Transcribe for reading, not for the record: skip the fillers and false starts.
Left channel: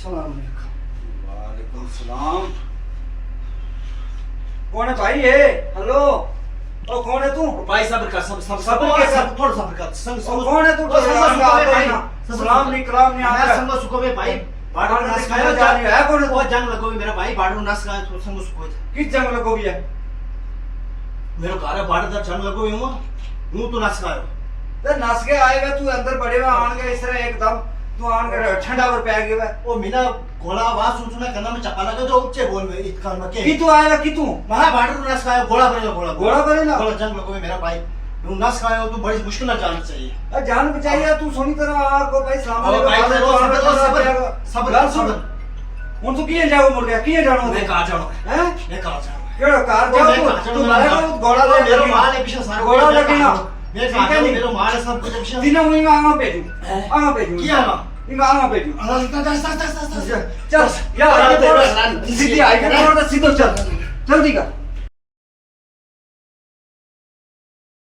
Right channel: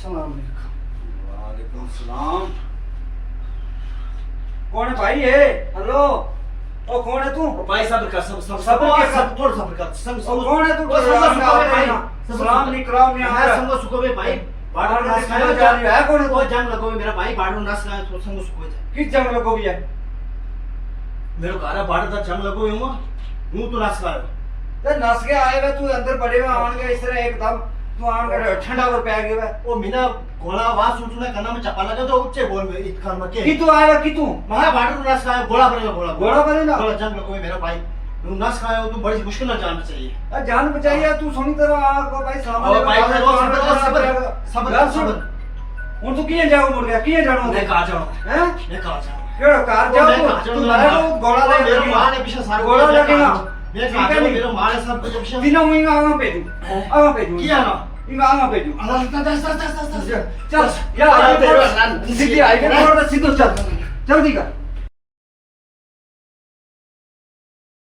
सलाम अलैकुम। वालेकुम सलाम। कौन है भाई ये? हेलो ओ कौन है तू? भाई सब्र कर, सब सब सब्र के सब थोड़ा सब्र कर। संग ओ कौन है तू? ओ संग सुको बे भाई। सलाम नहीं कलाम नहीं मैं आता। संग सुको बे भाई। बाड़ो नास खाया खाया जा रही है कौन है वो तू? जंग लगो मेरा भाई बाड़ो नास खाया तो संग सुको था। किस जंग लगो भी है? मेरो घर बाड़ दा जंग लगो हुआ हूं तो नास खाया। ते नस के आए वे तू अंदर बड़े हुए आन गए इस तरह एकदम तू आन के ठंडा और पै गया वे। ओ मीना गोला आवाज सुनना कन्ना में चपा लगा तो ऊंचे बोल में इत कान में के की तू आएगा की तू? महा बाड़ो नास खाया गोला करेगा गोला गोला करेगा? गोला जंग लगो मेरा भाई। तू नास खाया तो बड़ी मुश्किल ना जाना चाहिए। अरे जान बचाइए तू सुनी तरह आको भाई सलाम ओ भाई अलैकुम। सब्र सब्र गल सुन। सब्र। ਹੁਣ ਤੂੰ ਕਿਹੇ ਜਾਓ ਮੁੜ ਗਿਆ ਕਿਹੇ ਜਾਣੋ मैं कहा जाऊं हैं मैं कहा जाऊं ਕਿਹੜਾ ਕਾਰ ਜਾਓ ਤੂੰ ਮਾਰਾ ਤੂੰ ਗੋਲਾ ਲੈ मेरा माल है पीछे सारा ਗੋਲਾ ਲੱਗੇ ਨਾ मैं कहा जाऊं मेरा माल है सब कुछ पीछे दिनों में आवा भेजू आवा भेजू किया ना इनका आवा भेजू दस चल यार सीधी आई पे सीधो चल जल्दी कर